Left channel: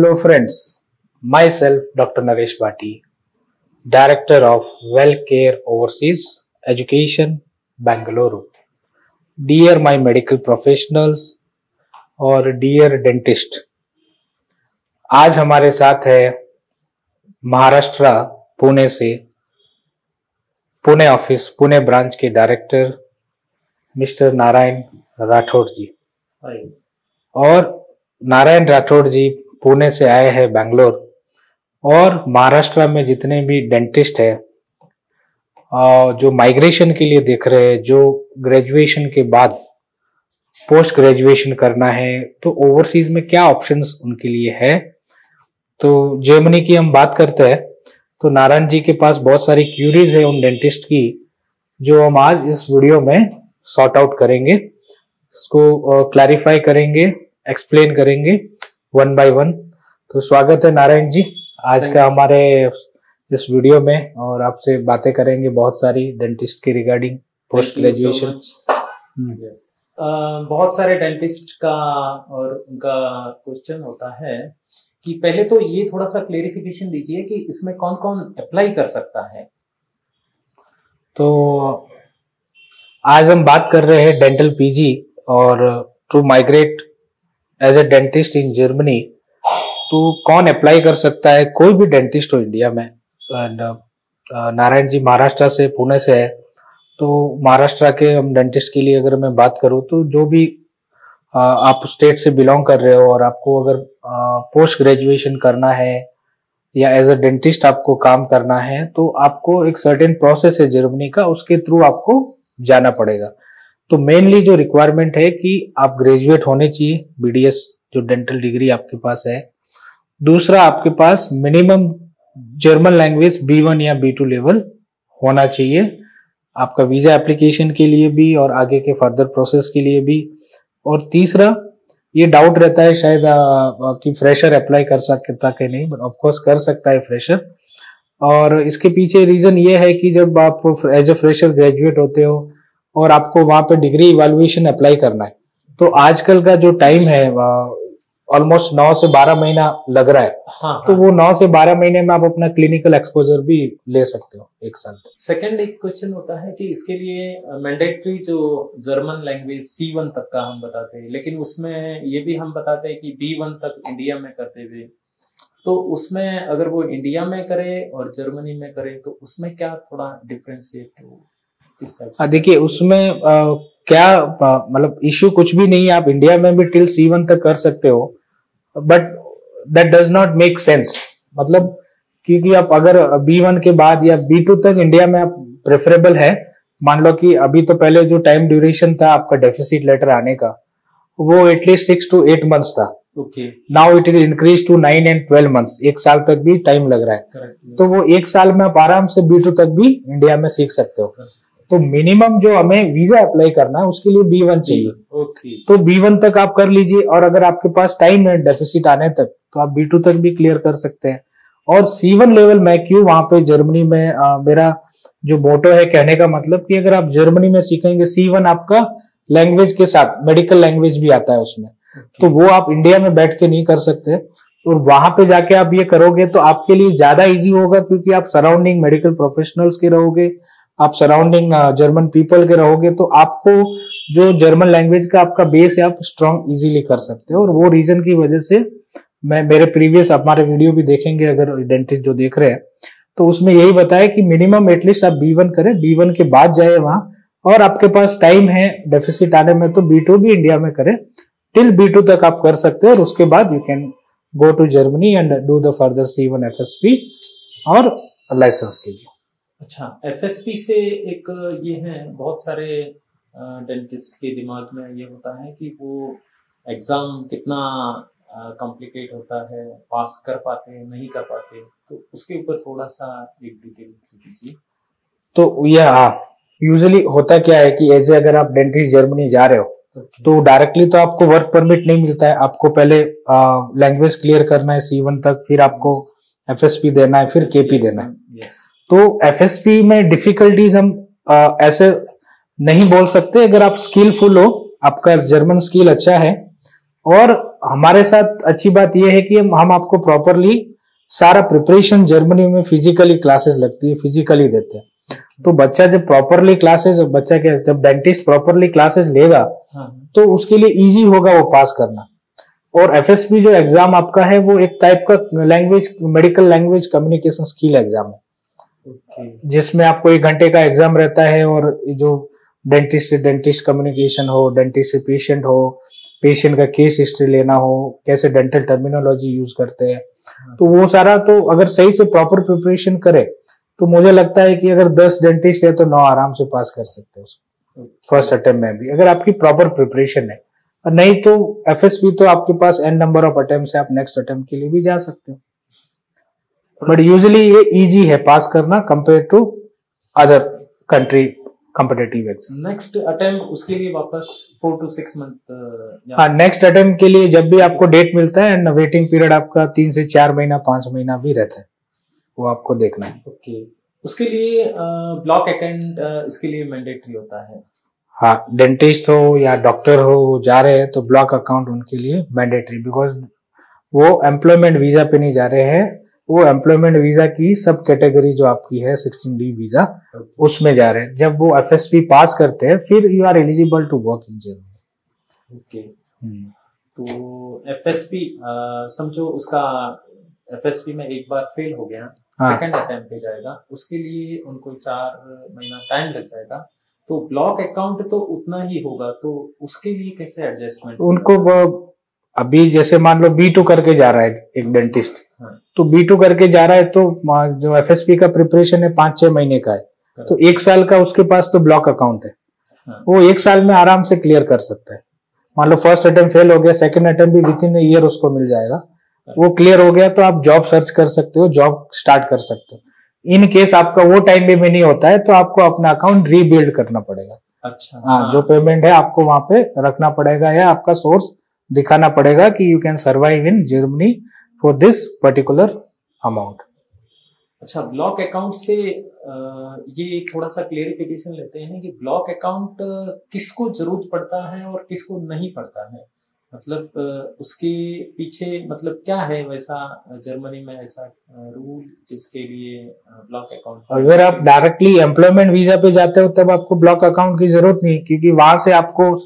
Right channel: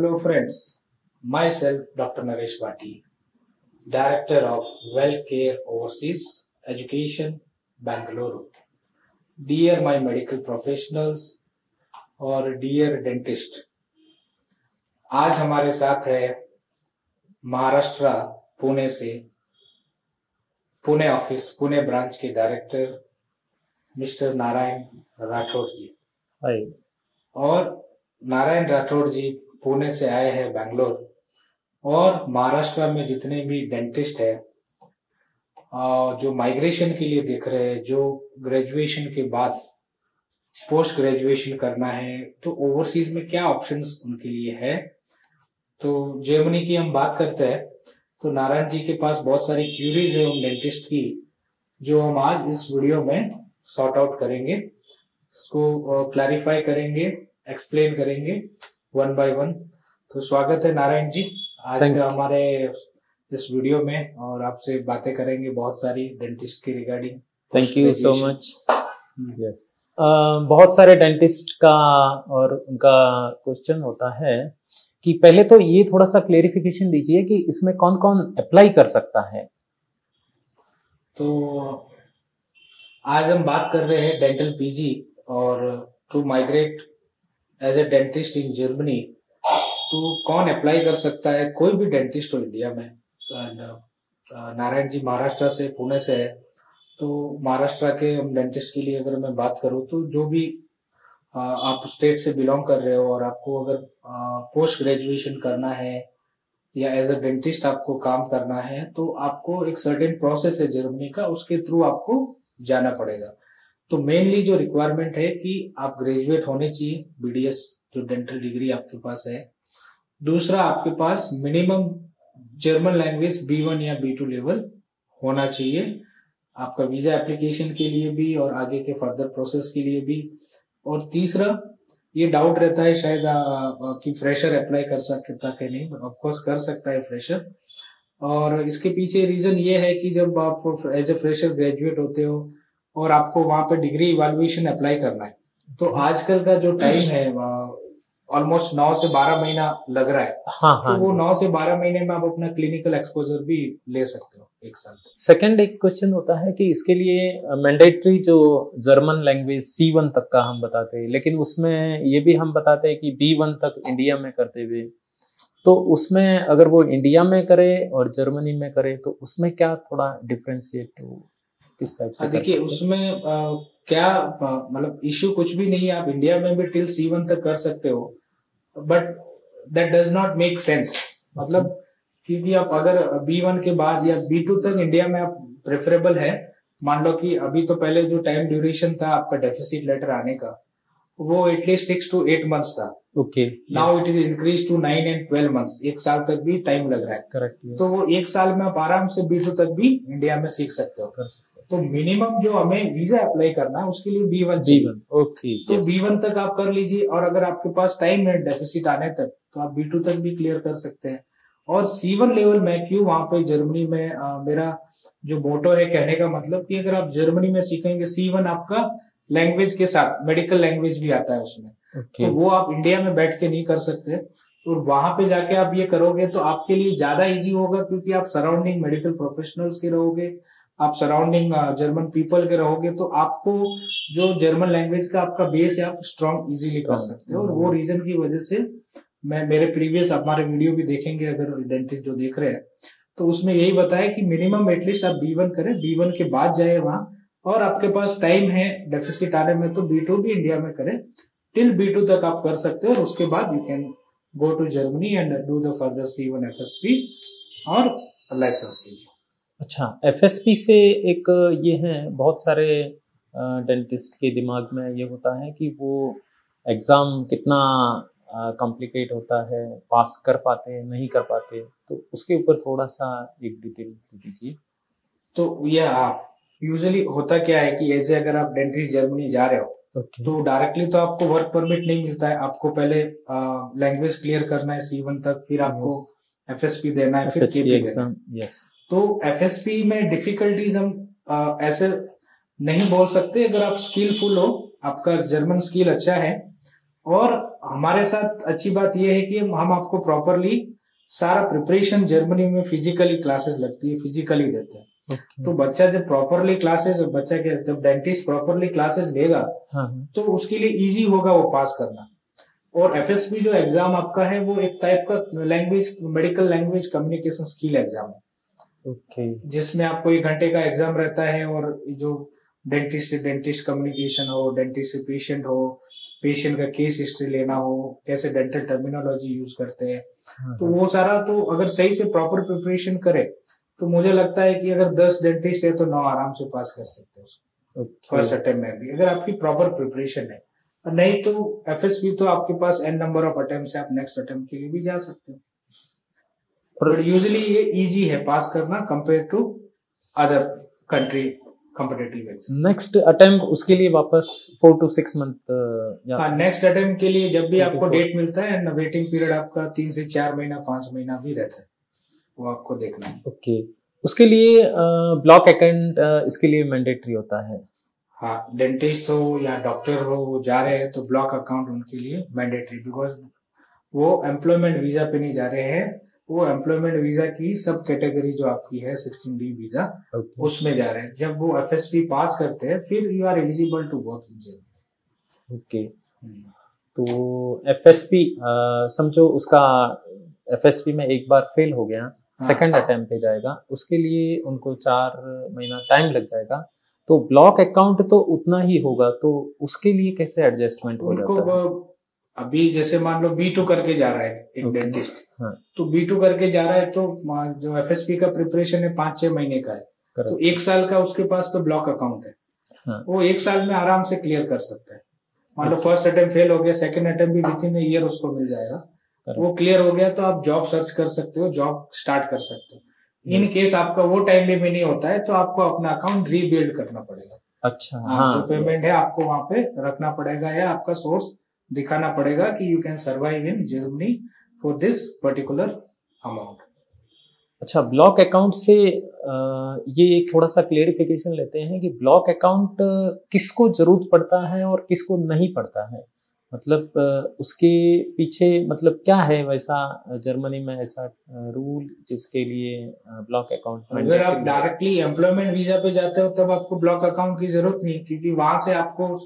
Hello friends, myself Dr. Naresh Bhati, Director of WellCare Overseas Education, Bangalore. Dear my medical professionals और dear dentist, आज हमारे साथ है महाराष्ट्र पुणे से पुणे ब्रांच के डायरेक्टर मिस्टर नारायण राठौड़ जी। और नारायण राठौड़ जी पुणे से आए हैं बैंगलोर, और महाराष्ट्र में जितने भी डेंटिस्ट है जो माइग्रेशन के लिए देख रहे हैं, जो ग्रेजुएशन के बाद पोस्ट ग्रेजुएशन करना है, तो ओवरसीज में क्या ऑप्शंस उनके लिए है। तो जर्मनी की हम बात करते हैं तो नारायण जी के पास बहुत सारी क्यूरीज है उन डेंटिस्ट की, जो हम आज इस वीडियो में सॉर्ट आउट करेंगे, इसको क्लैरिफाई करेंगे, एक्सप्लेन करेंगे वन बाय वन। तो स्वागत है नारायण जी आज का हमारे इस वीडियो में, और आपसे बातें करेंगे बहुत सारी डेंटिस्ट के रिगार्डिंग पोस्ट ग्रेजुएशन। बहुत सारे डेंटिस्ट का और उनका क्वेश्चन होता है कि पहले तो ये थोड़ा सा क्लेरिफिकेशन दीजिए कि इसमें कौन कौन अप्लाई कर सकता है। तो आज हम बात कर रहे हैं डेंटल पीजी और to migrate as a dentist in Germany, तो कौन अप्लाई कर सकता है। कोई भी डेंटिस्ट हो इंडिया में। नारायण जी महाराष्ट्र से पुणे से है, तो महाराष्ट्र के हम डेंटिस्ट के लिए अगर मैं बात करूँ तो जो भी आप स्टेट से बिलोंग कर रहे हो और आपको अगर पोस्ट ग्रेजुएशन करना है या एज अ डेंटिस्ट आपको काम करना है, तो आपको एक सर्टेन प्रोसेस है जर्मनी का, उसके थ्रू आपको जाना पड़ेगा। तो मेनली जो रिक्वायरमेंट है कि आप ग्रेजुएट होने चाहिए, बीडीएस जो डेंटल डिग्री आपके पास है। दूसरा, आपके पास मिनिमम जर्मन लैंग्वेज B1 या B2 लेवल होना चाहिए, आपका वीजा एप्लीकेशन के लिए भी और आगे के फर्दर प्रोसेस के लिए भी। और तीसरा, ये डाउट रहता है शायद कि फ्रेशर अप्लाई कर सकता कि नहीं, बट ऑफकोर्स कर सकता है फ्रेशर। और इसके पीछे रीजन ये है कि जब आप एज ए फ्रेशर ग्रेजुएट होते हो और आपको वहां पे डिग्री इवैल्यूएशन अप्लाई करना है, तो आजकल का जो टाइम है ऑलमोस्ट 9 से 12 महीना लग रहा है। तो वो 9 से 12 महीने में आप अपना क्लिनिकल एक्सपोजर भी ले सकते हो एक साल तक। सेकंड एक क्वेश्चन होता है कि इसके लिए मैंडेटरी जो जर्मन लैंग्वेज C1 तक का हम बताते हैं, लेकिन उसमें ये भी हम बताते हैं कि B1 तक इंडिया में करते हुए, तो उसमें अगर वो इंडिया में करे और जर्मनी में करे तो उसमें क्या थोड़ा डिफरेंशिएट किस टाइप से? देखिए उसमें क्या मतलब इश्यू कुछ भी नहीं है, आप इंडिया में भी टिल C1 तक कर सकते हो, but that does not make sense. मतलब क्योंकि आप अगर B1 के बाद या B2 तक इंडिया में आप प्रेफरेबल है, मान लो कि अभी तो पहले जो टाइम ड्यूरेशन था आपका डेफिसिट लेटर आने का वो एटलीस्ट 6 to 8 months था। Okay, now it is increase to 9 and 12 months, एक साल तक भी टाइम लग रहा है। करेक्ट। तो वो एक साल में आप आराम से B2 तक भी इंडिया में सीख सकते हो। तो मिनिमम जो हमें वीजा अप्लाई करना है उसके लिए B1 चाहिए। ओके, तो B1 तक आप कर लीजिए, और अगर आपके पास टाइम है डेफिसिट आने तक तो आप B2 तक भी क्लियर कर सकते हैं। और C1 लेवल मैं क्यों वहां पे जर्मनी में मेरा जो मोटो है कहने का मतलब कि अगर आप जर्मनी में सीखेंगे C1, आपका लैंग्वेज के साथ मेडिकल लैंग्वेज भी आता है उसमें। तो वो आप इंडिया में बैठ के नहीं कर सकते, और वहां पे जाके आप ये करोगे तो आपके लिए ज्यादा इजी होगा, क्योंकि आप सराउंडिंग मेडिकल प्रोफेशनल्स के रहोगे, आप सराउंडिंग जर्मन पीपल के रहोगे, तो आपको जो जर्मन लैंग्वेज का आपका बेस है आप स्ट्रॉन्ग इजीली कर सकते हो। और वो रीजन की वजह से मैं मेरे प्रीवियस हमारे वीडियो भी देखेंगे अगर डेंटिस्ट जो देख रहे हैं, तो उसमें यही बताया कि मिनिमम एटलीस्ट आप B1 करें, B1 के बाद जाए वहां, और आपके पास टाइम है डेफिसिट आने में तो B2 भी इंडिया में करें, टिल B2 तक आप कर सकते हो, और उसके बाद you can go to Germany and do the further C1 FSP और लाइसेंस के लिए। अच्छा, FSP से एक ये है, बहुत सारे डेंटिस्ट के दिमाग में ये होता है कि वो एग्जाम कितना कॉम्प्लिकेट होता है, पास कर पाते हैं नहीं कर पाते, तो उसके ऊपर थोड़ा सा एक डिटेल दीजिए। तो यह यूजुअली होता क्या है कि एज अगर आप डेंटिस्ट जर्मनी जा रहे हो तो डायरेक्टली तो आपको वर्क परमिट नहीं मिलता है, आपको पहले लैंग्वेज क्लियर करना है C1 तक, फिर आपको FSP देना है, फिर KP देना है। तो FSP में डिफिकल्टीज हम ऐसे नहीं बोल सकते। अगर आप स्किलफुल हो, आपका जर्मन स्किल अच्छा है, और हमारे साथ अच्छी बात यह है कि हम आपको प्रॉपरली सारा प्रिपरेशन जर्मनी में फिजिकली क्लासेस लगती है, फिजिकली देते हैं। तो बच्चा जब प्रॉपरली क्लासेस, बच्चा क्या, जब डेंटिस्ट प्रॉपरली क्लासेस लेगा तो उसके लिए इजी होगा वो पास करना। और एफएसपी जो एग्जाम आपका है वो एक टाइप का language, medical language communication skill exam है, जिसमें आपको 1 घंटे का एग्जाम रहता है। और जो डेंटिस्ट से डेंटिस्ट कम्युनिकेशन हो, डेंटिस्ट से पेशेंट हो, पेशेंट का केस हिस्ट्री लेना हो, कैसे डेंटल टर्मिनोलॉजी यूज करते हैं, तो वो सारा, तो अगर सही से प्रॉपर प्रिपरेशन करे तो मुझे लगता है कि अगर 10 डेंटिस्ट है तो 9 आराम से पास कर सकते हैं उसको फर्स्ट अटेम्प्ट में भी, अगर आपकी प्रॉपर प्रिपरेशन है। नहीं तो एफएसपी तो आपके पास n नंबर ऑफ अटेम्प्ट है, आप नेक्स्ट अटेम्प्ट के लिए भी जा सकते हो। बट यूजुअली ये इजी है पास करना compare to other country competitive exam. Next attempt उसके लिए वापस 4 to 6 मंथ। हाँ, नेक्स्ट अटेम्प्ट के लिए जब भी आपको डेट मिलता है, वेटिंग पीरियड आपका 3 से 4 महीना, 5 महीना भी रहता है, वो आपको देखना है। ओके, उसके लिए ब्लॉक अकाउंट इसके लिए मैंडेटरी होता है। हाँ, डेंटिस्ट हो या डॉक्टर हो जा रहे हैं तो ब्लॉक अकाउंट उनके लिए मैंडेटरी, बिकॉज वो एम्प्लॉयमेंट वीजा पे नहीं जा रहे हैं, वो एम्प्लॉयमेंट वीजा की सब कैटेगरी जो आपकी है 16D वीजा, उसमें जा रहे हैं। जब वो एफएसपी पास करते हैं फिर you are eligible to work in Germany. Okay, तो एफएसपी समझो उसका एफएसपी में एक बार फेल हो गया, सेकंड अटेम्प्ट पे जाएगा, उसके लिए उनको 4 महीना टाइम लग जाएगा। तो ब्लॉक अकाउंट तो उतना ही होगा, तो उसके लिए कैसे एडजस्टमेंट उनको? अभी जैसे मान लो B2 करके जा रहा है एक डेंटिस्ट, तो B2 करके जा रहा है तो जो एफएसपी का प्रिपरेशन है 5-6 महीने का है, तो 1 साल का उसके पास तो ब्लॉक अकाउंट है, वो 1 साल में आराम से क्लियर कर सकता है। मान लो फर्स्ट अटेम्प्ट फेल हो गया, सेकंड अटेम्प्ट भी विद इन अ ईयर उसको मिल जाएगा, वो क्लियर हो गया तो आप जॉब सर्च कर सकते हो, जॉब स्टार्ट कर सकते हो। इन केस आपका वो टाइम भी नहीं होता है तो आपको अपना अकाउंट रीबिल्ड करना पड़ेगा। अच्छा, हाँ, जो पेमेंट है आपको वहां पे रखना पड़ेगा, या आपका सोर्स दिखाना पड़ेगा कि you can survive in Germany for this particular amount. अच्छा, ब्लॉक अकाउंट से ये थोड़ा सा क्लेरिफिकेशन लेते हैं कि ब्लॉक अकाउंट किसको जरूरत पड़ता है और किसको नहीं पड़ता है, मतलब उसके पीछे मतलब क्या है वैसा जर्मनी में ऐसा रूल जिसके लिए ब्लॉक अकाउंट? अगर आप डायरेक्टली एम्प्लॉयमेंट वीजा पे जाते हो तब आपको ब्लॉक अकाउंट की जरूरत नहीं, क्योंकि वहां से आपको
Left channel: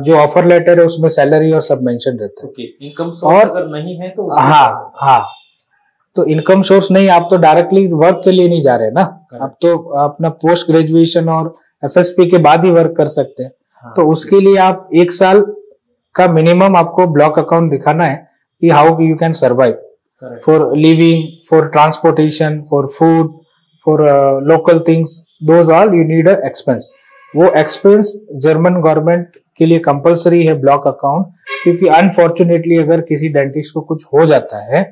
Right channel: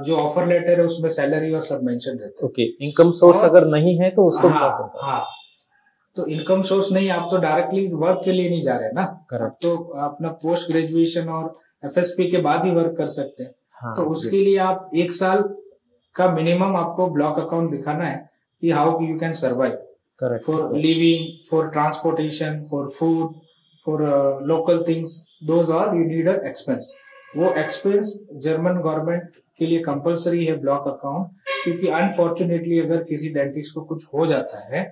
जो ऑफर लेटर है उसमें सैलरी और सब मेंशन रहता है। ओके, इनकम सोर्स अगर नहीं है तो उसको हाँ, तो इनकम सोर्स नहीं, आप तो डायरेक्टली वर्क के लिए नहीं जा रहे ना, आप तो अपना पोस्ट ग्रेजुएशन और एफएसपी के बाद ही वर्क कर सकते हैं। तो उसके लिए आप 1 साल का मिनिमम आपको ब्लॉक अकाउंट दिखाना है कि how you can survive for living, for transportation, for food, for local things, those all you need a expense. वो एक्सपेंस जर्मन गवर्नमेंट के लिए कंपलसरी है ब्लॉक अकाउंट, क्योंकि अनफॉर्चुनेटली अगर किसी डेंटिस्ट को कुछ हो जाता है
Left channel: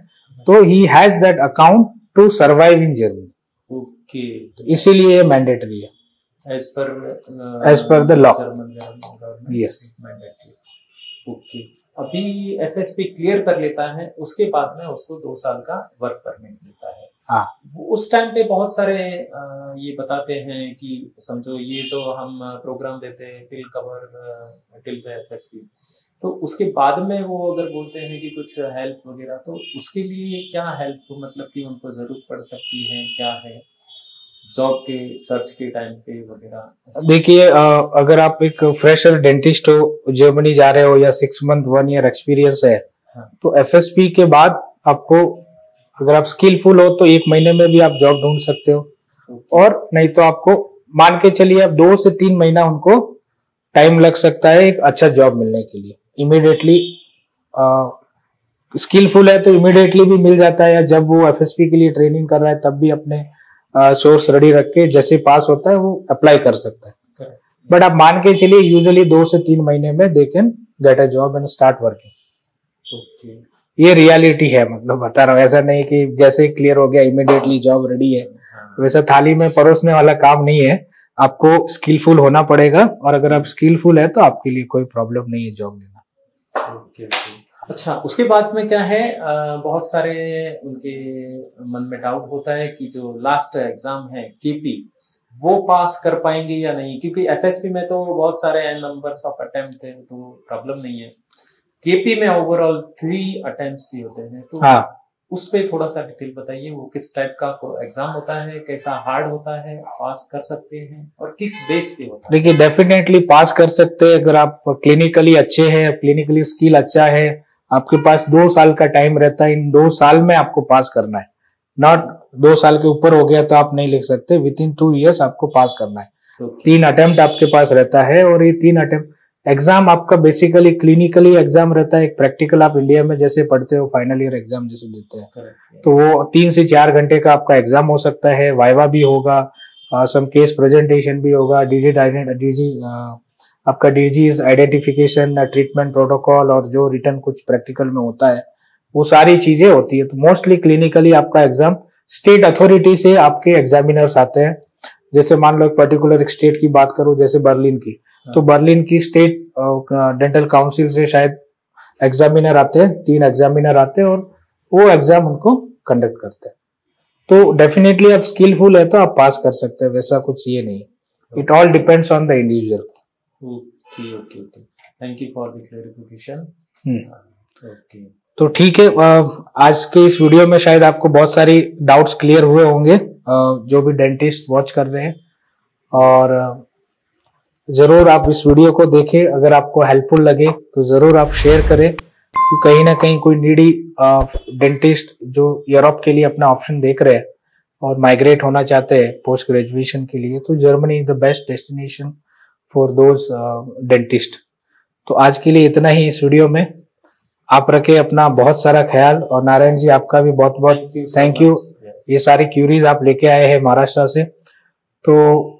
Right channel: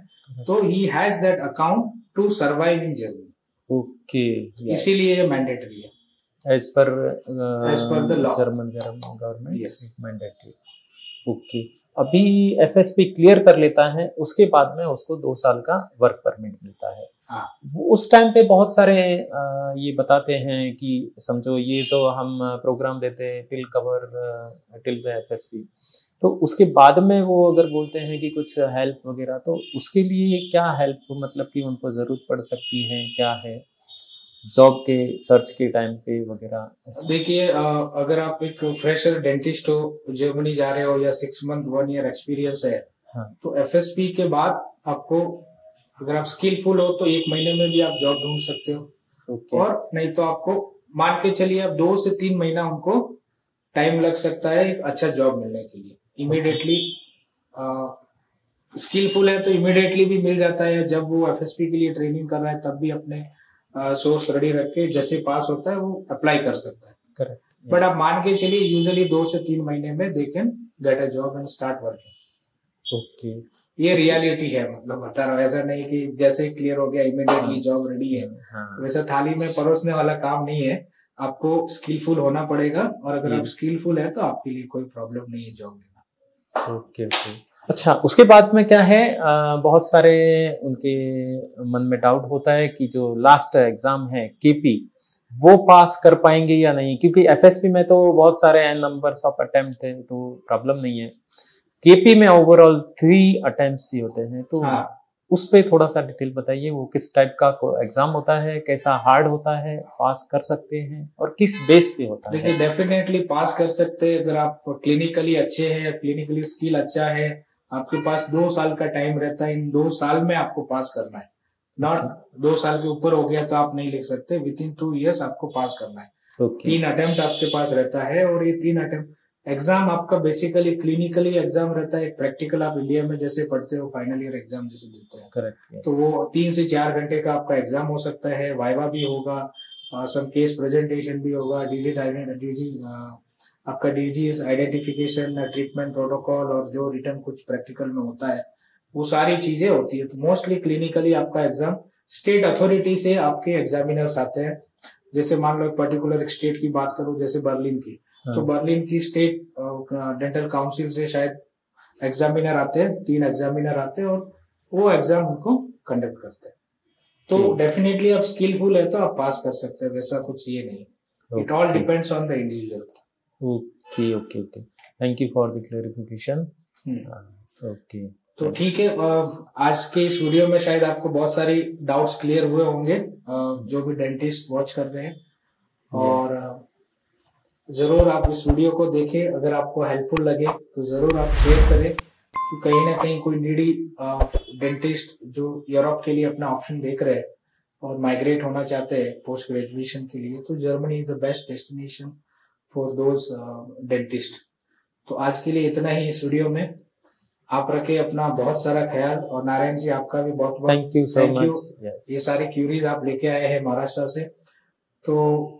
तो he has that account to survive in Germany. Okay, इसीलिए ये मैंडेटरी है as per the law, German government. Yes, mandatory. Okay, अभी एफएसपी क्लियर कर लेता है, उसके बाद में उसको 2 साल का वर्क परमिट मिलता है। हाँ, उस टाइम पे बहुत सारे ये बताते हैं कि समझो ये जो हम प्रोग्राम देते हैं till cover till the FSP, तो उसके बाद में वो अगर बोलते हैं कि कुछ हेल्प वगैरह, तो उसके लिए क्या हेल्प, मतलब कि उनको जरूरत पड़ सकती है, क्या है जॉब के सर्च के टाइम पे वगैरह? देखिए, अगर आप एक फ्रेशर डेंटिस्ट हो, जर्मनी जा रहे हो, या 6 मंथ 1 ईयर एक्सपीरियंस है, तो एफएसपी के बाद आपको, अगर आप स्किलफुल हो तो 1 महीने में भी आप जॉब ढूंढ सकते हो। और नहीं तो आपको मान के चलिए आप 2 से 3 महीना उनको टाइम लग सकता है एक अच्छा जॉब मिलने के लिए। इमीडिएटली स्किलफुल है तो इमीडिएटली भी मिल जाता है, या जब वो एफएसपी के लिए ट्रेनिंग कर रहा है तब भी अपने सोर्स रेडी रख के जैसे पास होता है वो अप्लाई कर सकता है। बट आप मान के चलिए यूजुअली 2 से 3 महीने में they can get a job and start working. Okay, ये रियलिटी है, मतलब बता रहा हूँ, ऐसा नहीं कि जैसे क्लियर हो गया इमीडिएटली जॉब रेडी है, वैसा थाली में परोसने वाला काम नहीं है। आपको स्किलफुल होना पड़ेगा, और अगर आप स्किलफुल है तो आपके लिए कोई प्रॉब्लम नहीं है जॉब लेना। ओके। अच्छा, उसके बाद में क्या है, बहुत सारे उनके मन में डाउट होता है कि जो लास्ट एग्जाम है केपी, वो पास कर पाएंगे या नहीं, क्योंकि एफएसपी में तो बहुत सारे नंबर्स ऑफ अटेम्प्ट है तो प्रॉब्लम नहीं है। केपी में ओवरऑल 3 अटेम्प्ट्स ही होते हैं, तो हाँ उस पे थोड़ा सा डिटेल बताइए, वो किस टाइप का एग्जाम होता है, कैसा हार्ड होता है, पास कर सकते हैं और किस बेस पे होता है? देखिए डेफिनेटली पास कर सकते हैं अगर आप क्लिनिकली अच्छे हैं, क्लिनिकली स्किल अच्छा है, आपके पास 2 साल का टाइम रहता है, इन 2 साल में आपको पास करना है, नॉट 2 साल के ऊपर हो गया तो आप नहीं लिख सकते, विद इन 2 years आपको पास करना है। Okay. 3 अटेम्प्ट आपके पास रहता है और ये 3 अटेम्प्ट एग्जाम आपका बेसिकली क्लिनिकली एग्जाम रहता है, एक प्रैक्टिकल आप इंडिया में जैसे पढ़ते हो फाइनल ईयर एग्जाम जैसे देते हैं। Correct, yes. तो वो 3 से 4 घंटे का आपका एग्जाम हो सकता है, वाइवा भी होगा, सम केस प्रेजेंटेशन भी होगा, आपका डिजीज आइडेंटिफिकेशन, ट्रीटमेंट प्रोटोकॉल और जो रिटर्न कुछ प्रैक्टिकल में होता है वो सारी चीजें होती है। तो मोस्टली क्लिनिकली आपका एग्जाम स्टेट अथॉरिटी से आपके एग्जामिनर्स आते हैं, जैसे मान लो एक पर्टिकुलर स्टेट की बात करूं जैसे बर्लिन की, तो बर्लिन की स्टेट डेंटल काउंसिल से शायद एग्जामिनर आते हैं, 3 एग्जामिनर आते हैं और वो एग्जाम उनको कंडक्ट करते हैं। तो डेफिनेटली आप स्किलफुल है तो आप पास कर सकते हैं, वैसा कुछ ये नहीं, it all depends on the individual. Okay okay okay, thank you for the clarification. Okay, तो ठीक है, आज के इस वीडियो में शायद आपको बहुत सारी डाउट्स क्लियर हुए होंगे, जो भी डेंटिस्ट वॉच कर रहे हैं, और जरूर आप इस वीडियो को देखें, अगर आपको हेल्पफुल लगे तो जरूर आप शेयर करें, कि कहीं ना कहीं कोई नीडी डेंटिस्ट जो यूरोप के लिए अपना ऑप्शन देख रहे हैं और माइग्रेट होना चाहते हैं पोस्ट ग्रेजुएशन के लिए, तो Germany is the best destination for those dentist. तो आज के लिए इतना ही इस वीडियो में, आप रखे अपना बहुत सारा ख्याल, और नारायण जी आपका भी बहुत बहुत थैंक यू। ये सारी क्यूरीज आप लेके आए हैं महाराष्ट्र से, तो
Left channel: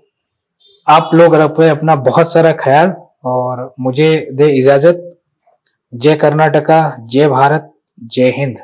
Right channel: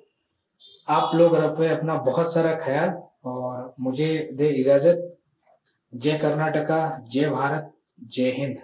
आप लोग रखे अपना बहुत सारा ख्याल और मुझे दे इजाजत। जय कर्नाटका, जय भारत, जय हिंद।